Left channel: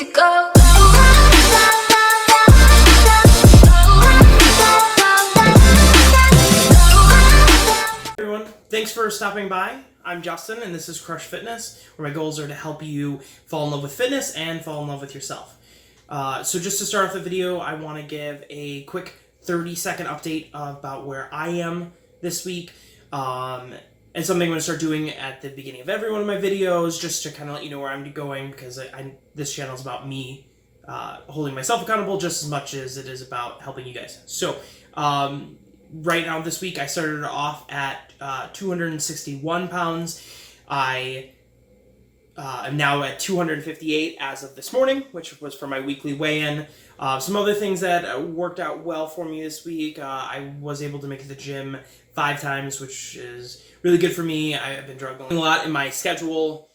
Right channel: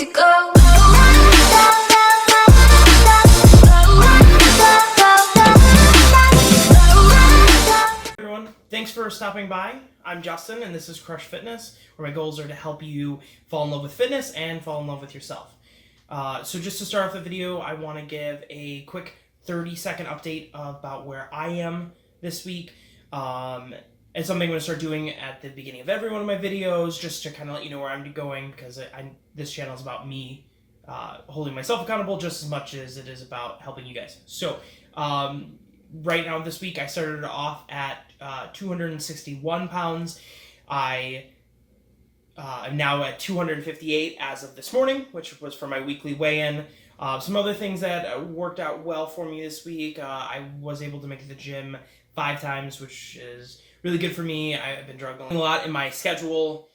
to go. Everyone, thanks for stopping by. I'm Justin, and this is Crush Fitness, where my goals are to help you fall in love with fitness and fall in love with yourself. So just to start off the video, I want to give a quick 30-second update about where I am this week. And something I'm going to start doing at the beginning of every one of my videos, just to kind of let you know where I'm going, because this channel is about me holding myself accountable just as much as it is about helping you guys. So right now this week I started off at 261 pounds. I am now at 258 as of this morning, which was for my weekly weigh-in. Some other things that worked out well for me this week, I was able to make it to the gym 5 times, which is really good for me. I've been juggling a lot in my schedule,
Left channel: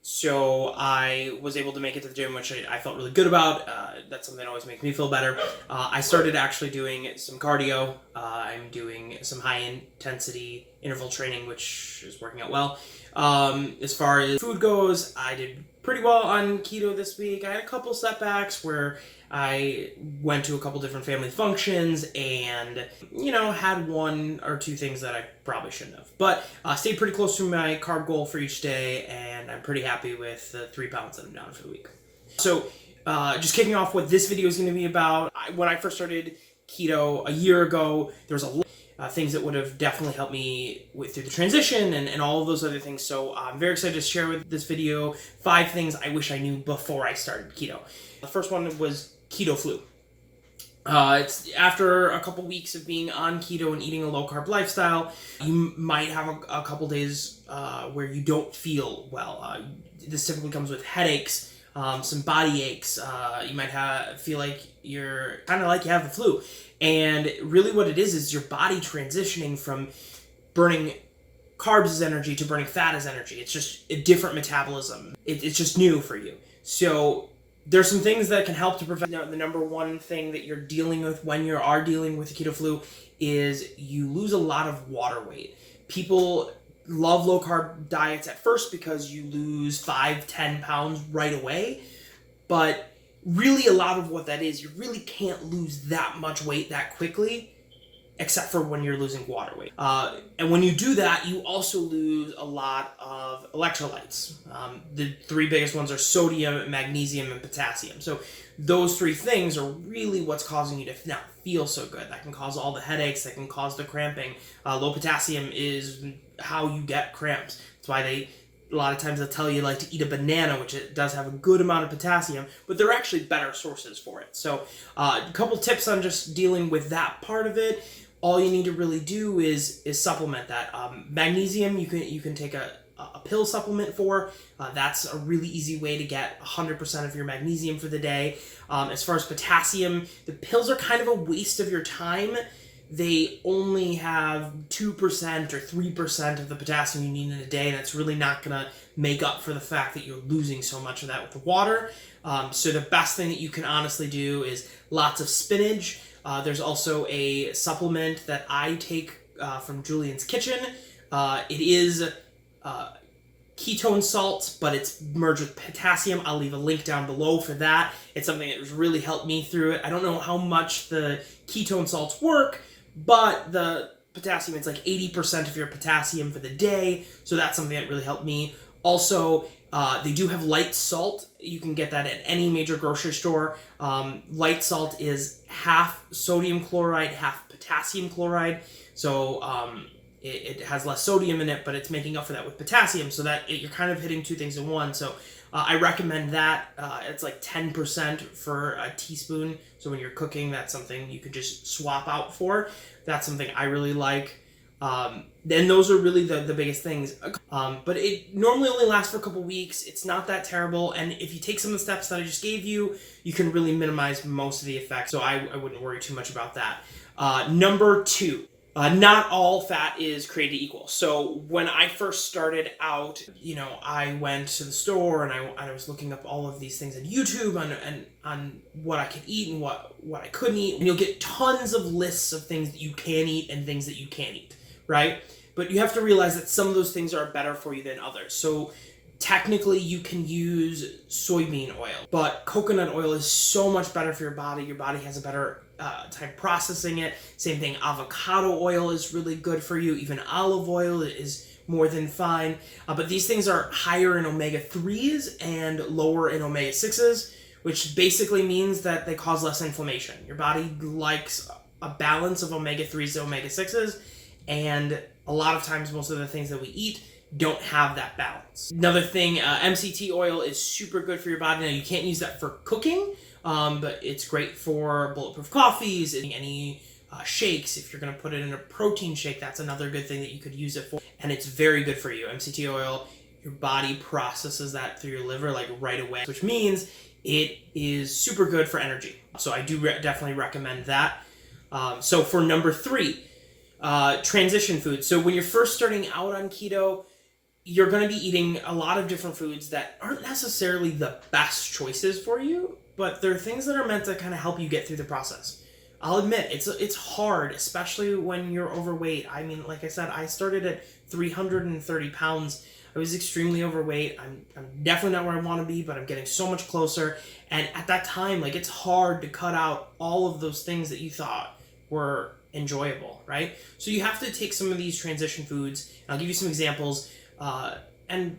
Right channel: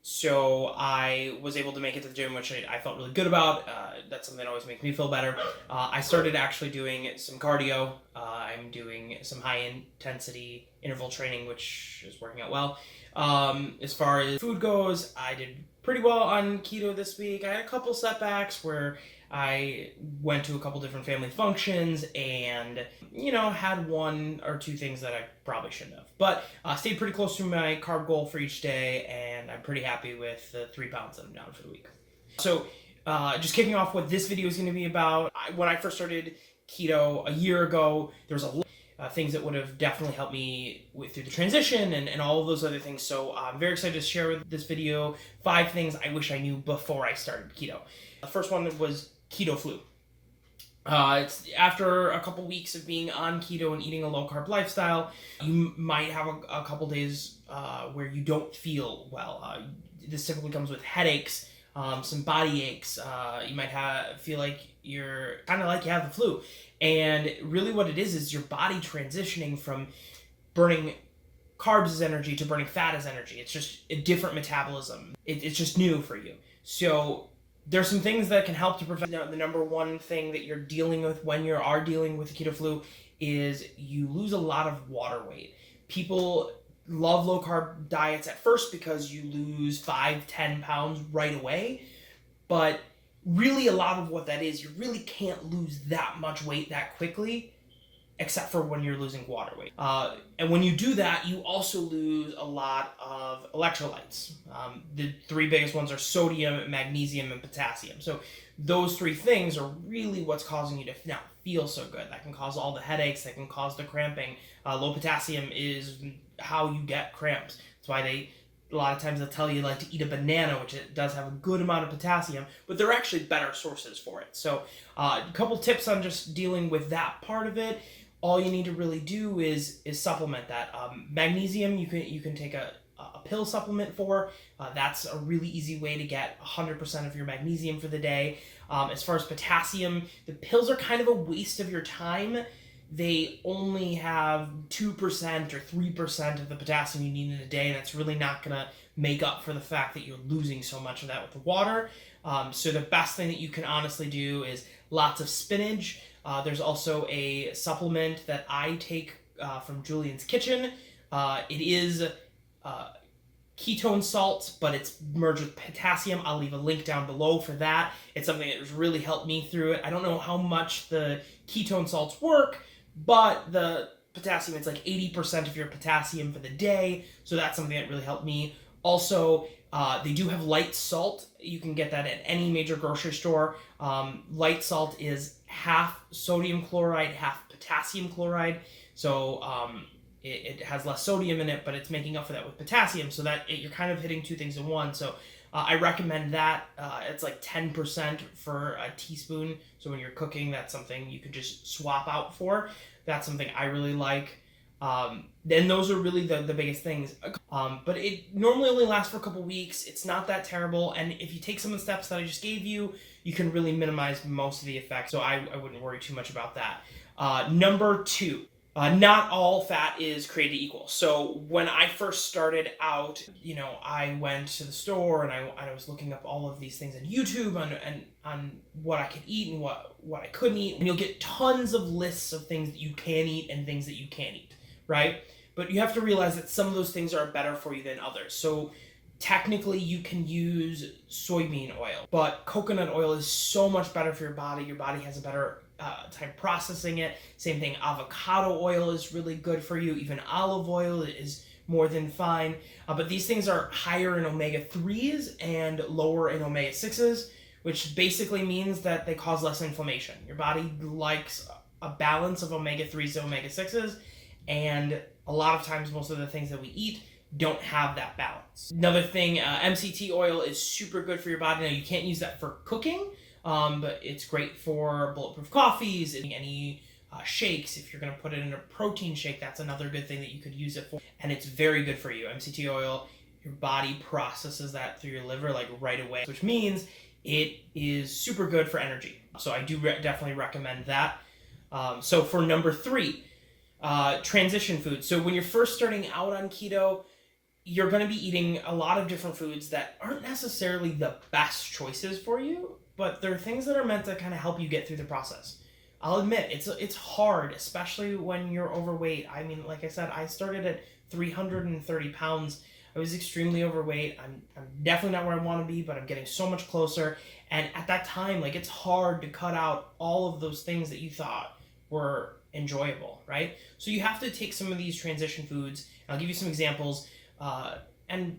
so I was able to make it to the gym, which I felt really good about. That's something that always makes me feel better. I started actually doing some cardio. I'm doing some high-intensity interval training, which is working out well. As far as food goes, I did pretty well on keto this week. I had a couple setbacks where I went to a couple different family functions and, had 1 or 2 things that I probably shouldn't have. But stayed pretty close to my carb goal for each day, and I'm pretty happy with the 3 pounds that I'm down for the week. So just kicking off what this video is going to be about. When I first started keto a year ago, there was a lot of things that would have definitely helped me through the transition and all of those other things. So I'm very excited to share with this video 5 things I wish I knew before I started keto. The first one was keto flu. It's after a couple weeks of being on keto and eating a low-carb lifestyle, you might have a couple days where you don't feel well. This typically comes with headaches, some body aches. You might feel like you're kind of like you have the flu. And really what it is your body transitioning from burning carbs as energy to burning fat as energy. It's just a different metabolism. It's just new for you. So there's some things that can help to prevent. The number one thing that you're dealing with when you are dealing with the keto flu is you lose a lot of water weight. People love low carb diets at first because you lose 5-10 pounds right away, but really a lot of what that is, you really can't lose that much weight that quickly, except for when you're losing water weight. And when you do that, you also lose a lot of electrolytes. The 3 biggest ones are sodium, magnesium, and potassium. So those 3 things are really what's causing you to not feel so good. That can cause all the headaches, that can cause the cramping. Low potassium is how you get cramps. That's why a lot of times they'll tell you to eat a banana, which it does have a good amount of potassium, but they're actually better sources for it. So a couple tips on just dealing with that part of it. All you need to really do is supplement that. Magnesium, you can take a pill supplement for. That's a really easy way to get 100% of your magnesium for the day. As far as potassium, the pills are kind of a waste of your time. They only have 2% or 3% of the potassium you need in a day. That's really not going to make up for the fact that you're losing so much of that with the water. So the best thing that you can honestly do is lots of spinach. There's also a supplement that I take from Julian's Kitchen. It is ketone salts, but it's merged with potassium. I'll leave a link down below for that. It's something that has really helped me through it. I don't know how much the ketone salts work, but the potassium, it's like 80% of your potassium for the day, so that's something that really helped me. Also, they do have light salt. You can get that at any major grocery store. Light salt is half sodium chloride, half potassium chloride. So it has less sodium in it, but it's making up for that with potassium, so that you're kind of hitting 2 things in one. So I recommend that. It's like 10% for a teaspoon. So when you're cooking, that's something you could just swap out for. That's something I really like. And those are really the biggest things. But it normally only lasts for a couple weeks. It's not that terrible. And if you take some of the steps that I just gave you, you can really minimize most of the effects. So I wouldn't worry too much about that. Number 2. Not all fat is created equal. So when I first started out, I went to the store and I was looking up all of these things on YouTube on what I could eat and what I couldn't eat. And you'll get tons of lists of things that you can eat and things that you can't eat, right? But you have to realize that some of those things are better for you than others. So Technically, you can use soybean oil, but coconut oil is so much better for your body. Your body has a better time processing it. Same thing, avocado oil is really good for you. Even olive oil is more than fine. But these things are higher in omega-3s and lower in omega-6s, which basically means that they cause less inflammation. Your body likes a balance of omega-3s and omega-6s, and a lot of times most of the things that we eat don't have that balance. Another thing, MCT oil is super good for your body. Now, you can't use that for cooking, but it's great for bulletproof coffees, any shakes. If you're going to put it in a protein shake, that's another good thing that you could use it for. And it's very good for you. MCT oil, your body processes that through your liver like right away, which means it is super good for energy. So I do definitely recommend that. So for number 3, transition foods. So when you're first starting out on keto, you're going to be eating a lot of different foods that aren't necessarily the best choices for you, but they're things that are meant to kind of help you get through the process. I'll admit, it's hard, especially when you're overweight. I mean, like I said, I started at 330 pounds. I was extremely overweight. I'm definitely not where I want to be, but I'm getting so much closer. And at that time, like, it's hard to cut out all of those things that you thought were enjoyable, right? So you have to take some of these transition foods, and I'll give you some examples, and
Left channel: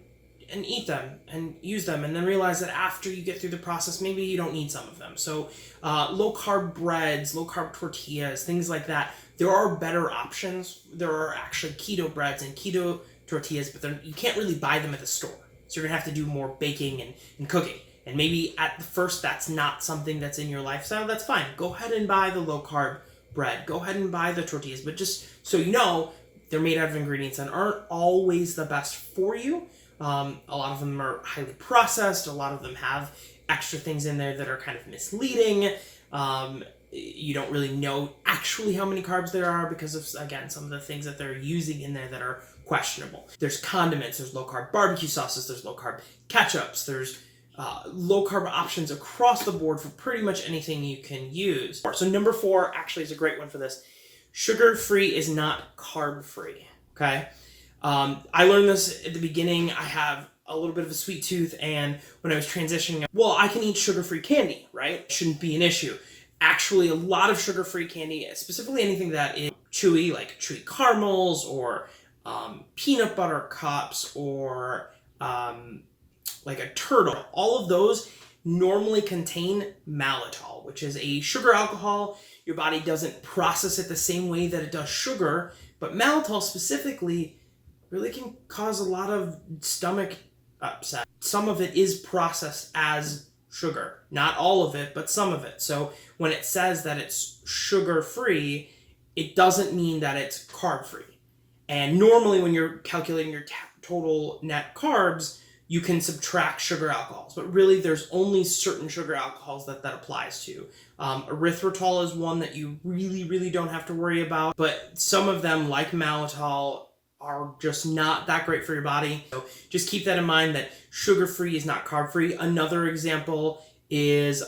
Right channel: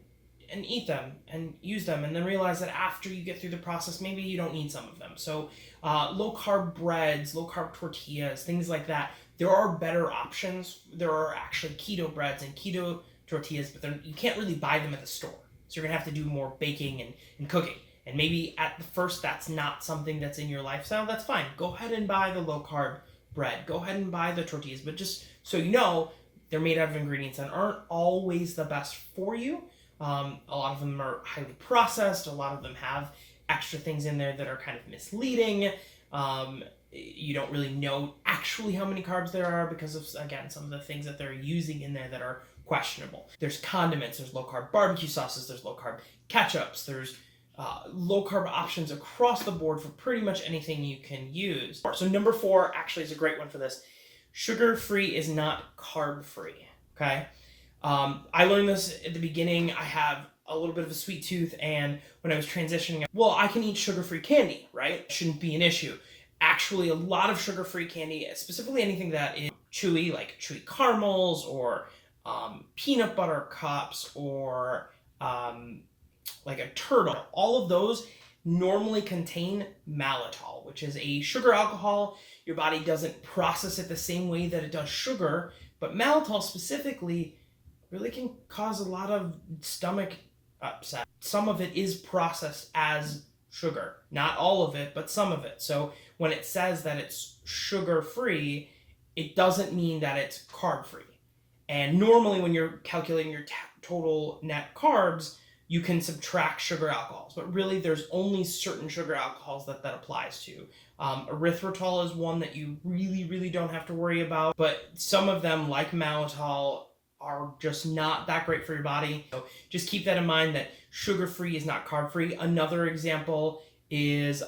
eat them and use them, and then realize that after you get through the process, maybe you don't need some of them. So low carb breads, low carb tortillas, things like that. There are better options. There are actually keto breads and keto tortillas, but you can't really buy them at the store. So you're gonna have to do more baking and cooking. And maybe at the first that's not something that's in your lifestyle. That's fine. Go ahead and buy the low carb bread. Go ahead and buy the tortillas, but just so you know, they're made out of ingredients that aren't always the best for you. A lot of them are highly processed. A lot of them have extra things in there that are kind of misleading. You don't really know actually how many carbs there are because of, again, some of the things that they're using in there that are questionable. There's condiments, there's low carb barbecue sauces, there's low carb ketchups, there's low carb options across the board for pretty much anything you can use. So number 4 actually is a great one for this. Sugar-free is not carb-free, okay? I learned this at the beginning. I have a little bit of a sweet tooth, and when I was transitioning, well, I can eat sugar-free candy, right? It shouldn't be an issue. Actually, a lot of sugar-free candy, specifically anything that is chewy, like chewy caramels or peanut butter cups or like a turtle, all of those normally contain maltitol, which is a sugar alcohol. Your body doesn't process it the same way that it does sugar, but maltitol specifically really can cause a lot of stomach upset. Some of it is processed as sugar. Not all of it, but some of it. So when it says that it's sugar-free, it doesn't mean that it's carb-free. And normally when you're calculating your total net carbs, you can subtract sugar alcohols, but really there's only certain sugar alcohols that applies to. Erythritol is one that you really don't have to worry about, but some of them, like maltitol, are just not that great for your body. So just keep that in mind, that sugar-free is not carb-free. Another example is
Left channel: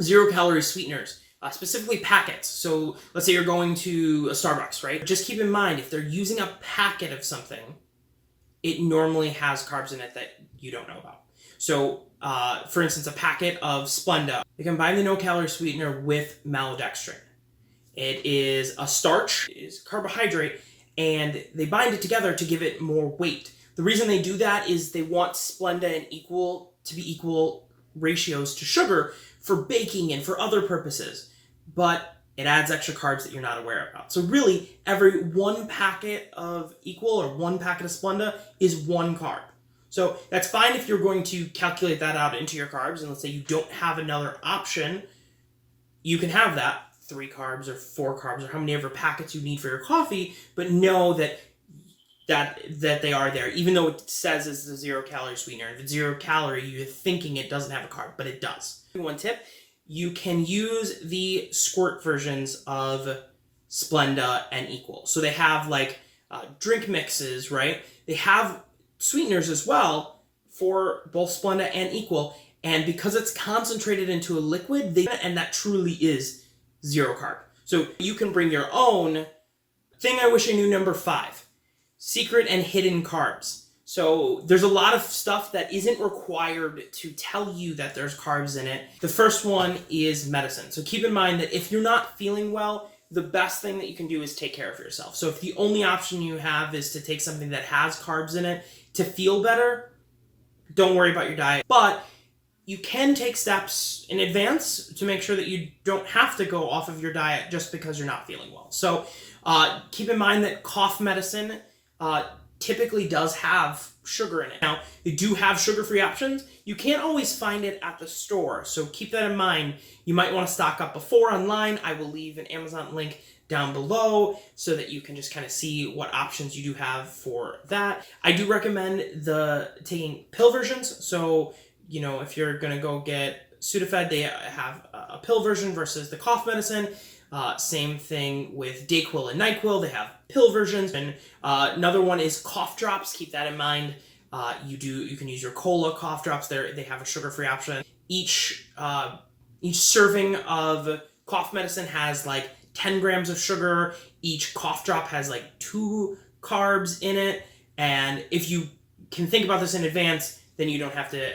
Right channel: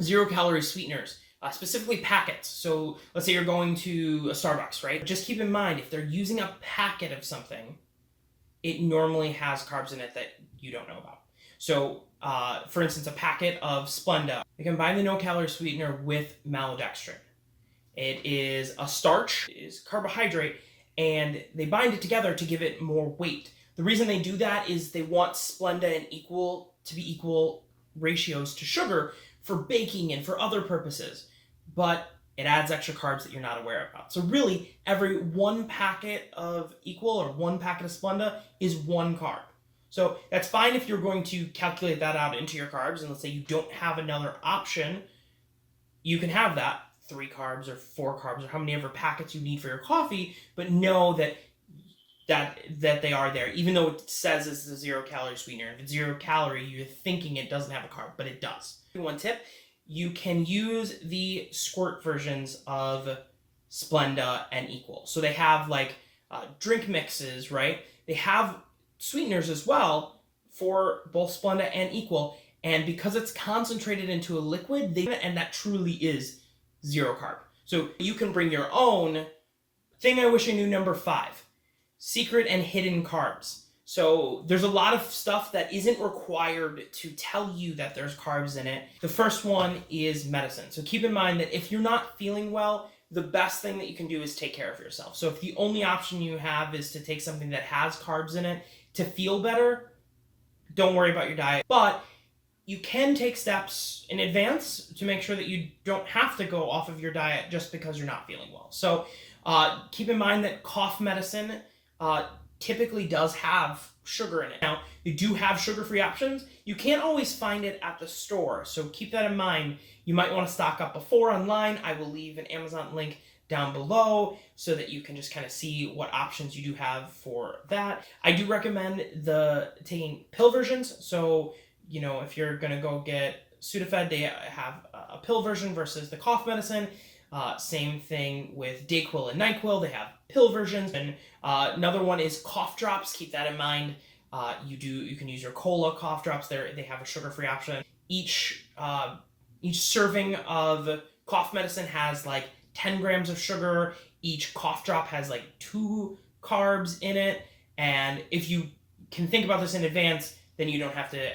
0-calorie sweeteners, specifically packets. So let's say you're going to a Starbucks, right? Just keep in mind, if they're using a packet of something, it normally has carbs in it that you don't know about. So, for instance, a packet of Splenda, they combine the no-calorie sweetener with maltodextrin. It is a starch, it is carbohydrate, and they bind it together to give it more weight. The reason they do that is they want Splenda and to be equal ratios to sugar for baking and for other purposes, but it adds extra carbs that you're not aware about. So really, every 1 packet of Equal or 1 packet of Splenda is 1 carb. So that's fine if you're going to calculate that out into your carbs, and let's say you don't have another option, you can have that 3 carbs or 4 carbs or how many ever packets you need for your coffee, but know that they are there, even though it says it's a 0-calorie sweetener. If it's 0 calorie, you're thinking it doesn't have a carb, but it does. One tip, you can use the squirt versions of Splenda and Equal. So they have like drink mixes, right? They have sweeteners as well for both Splenda and Equal. And because it's concentrated into a liquid, and that truly is 0 carb. So you can bring your own thing. I wish I knew number 5, secret and hidden carbs. So there's a lot of stuff that isn't required to tell you that there's carbs in it. The first one is medicine. So keep in mind that if you're not feeling well, the best thing that you can do is take care of yourself. So if the only option you have is to take something that has carbs in it to feel better, don't worry about your diet. But you can take steps in advance to make sure that you don't have to go off of your diet just because you're not feeling well. So keep in mind that cough medicine typically does have sugar in it. Now, you do have sugar-free options. You can't always find it at the store, so keep that in mind. You might want to stock up before online. I will leave an Amazon link down below so that you can just kind of see what options you do have for that. I do recommend taking pill versions. So, you know, if you're going to go get Sudafed, they have a pill version versus the cough medicine. Same thing with Dayquil and NyQuil. They have pill versions. And another one is cough drops. Keep that in mind. You can use your cola cough drops. They have a sugar-free option. Each serving of cough medicine has like 10 grams of sugar. Each cough drop has like 2 carbs in it. And if you can think about this in advance, then you don't have to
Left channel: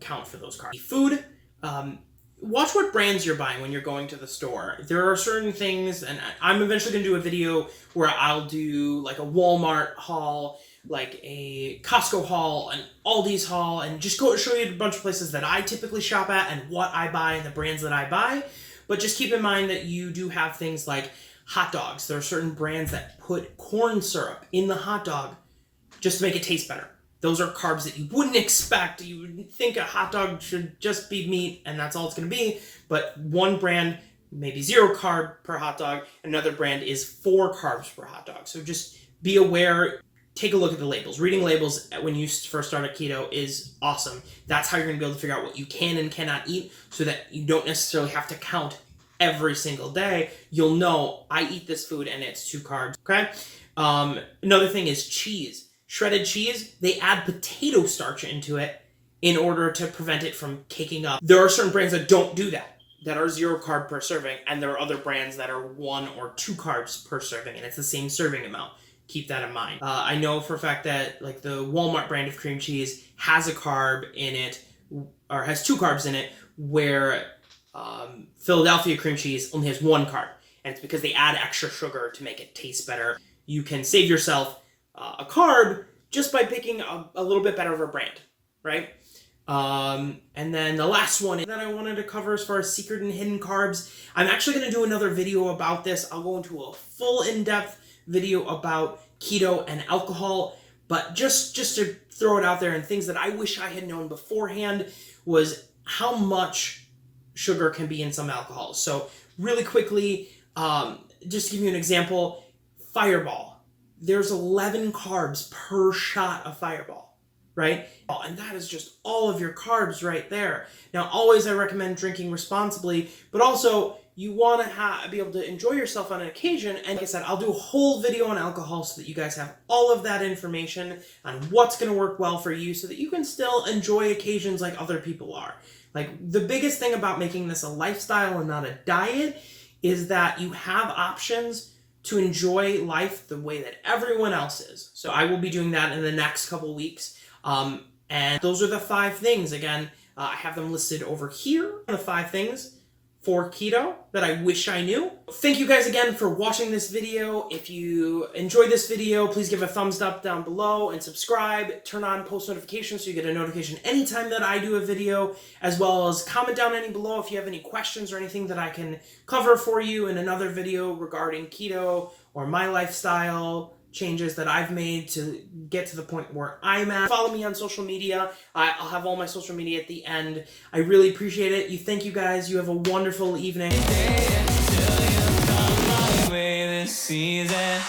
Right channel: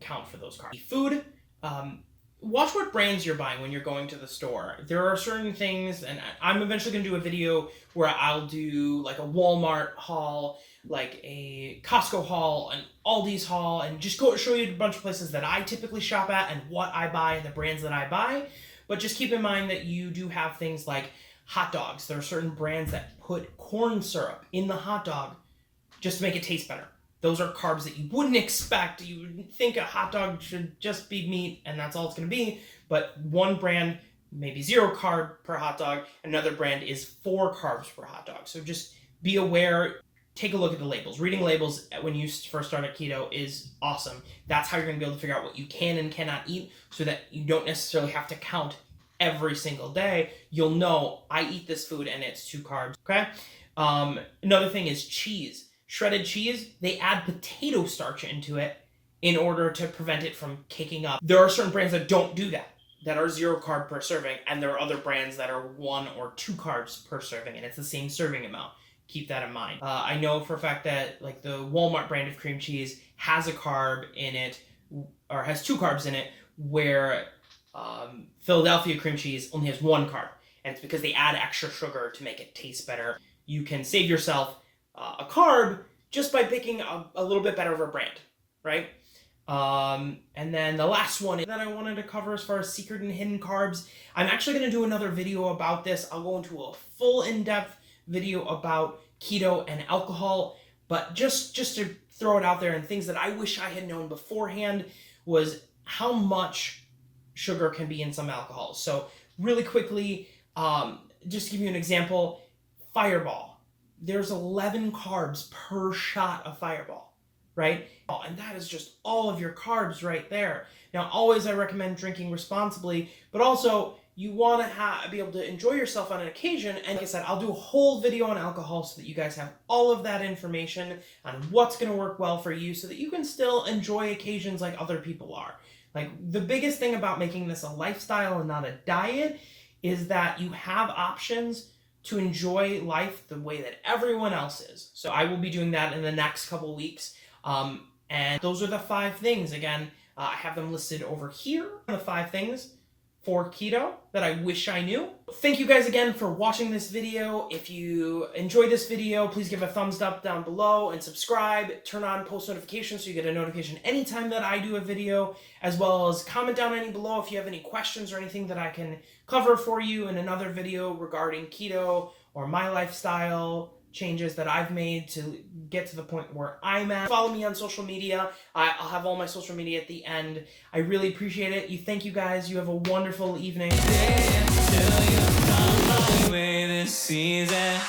count for those carbs. Food. Watch what brands you're buying when you're going to the store. There are certain things, and I'm eventually going to do a video where I'll do like a Walmart haul, like a Costco haul, an Aldi's haul, and just go show you a bunch of places that I typically shop at and what I buy and the brands that I buy. But just keep in mind that you do have things like hot dogs. There are certain brands that put corn syrup in the hot dog just to make it taste better. Those are carbs that you wouldn't expect. You would think a hot dog should just be meat and that's all it's going to be. But one brand, maybe 0 carb per hot dog. Another brand is 4 carbs per hot dog. So just be aware. Take a look at the labels. Reading labels when you first start a keto is awesome. That's how you're going to be able to figure out what you can and cannot eat so that you don't necessarily have to count every single day. You'll know, I eat this food and it's 2 carbs. Okay? Another thing is cheese. Shredded cheese, they add potato starch into it in order to prevent it from caking up. There are certain brands that don't do that are 0 carb per serving, and there are other brands that are 1 or 2 carbs per serving, and it's the same serving amount. Keep that in mind. I know for a fact that like the Walmart brand of cream cheese has a carb in it, or has 2 carbs in it, where Philadelphia cream cheese only has 1 carb, and it's because they add extra sugar to make it taste better. You can save yourself a carb just by picking a little bit better of a brand, right? And then the last one that I wanted to cover as far as secret and hidden carbs, I'm actually going to do another video about this. I'll go into a full in-depth video about keto and alcohol, but just to throw it out there, and things that I wish I had known beforehand was how much sugar can be in some alcohols. So really quickly, just to give you an example, Fireball. There's 11 carbs per shot of Fireball, right? And that is just all of your carbs right there. Now, always I recommend drinking responsibly, but also you want to be able to enjoy yourself on an occasion. And like I said, I'll do a whole video on alcohol so that you guys have all of that information on what's going to work well for you so that you can still enjoy occasions like other people are. Like, the biggest thing about making this a lifestyle and not a diet is that you have options to enjoy life the way that everyone else is. So I will be doing that in the next couple weeks. And those are the 5 things. Again, I have them listed over here, the 5 things for keto that I wish I knew. Thank you guys again for watching this video. If you enjoyed this video, please give a thumbs up down below and subscribe. Turn on post notifications so you get a notification anytime that I do a video, as well as comment down any below if you have any questions or anything that I can cover for you in another video regarding keto or my lifestyle changes that I've made to get to the point where I'm at. Follow me on social media. I'll have all my social media at the end. I really appreciate it. Thank you guys. You have a wonderful evening. This season.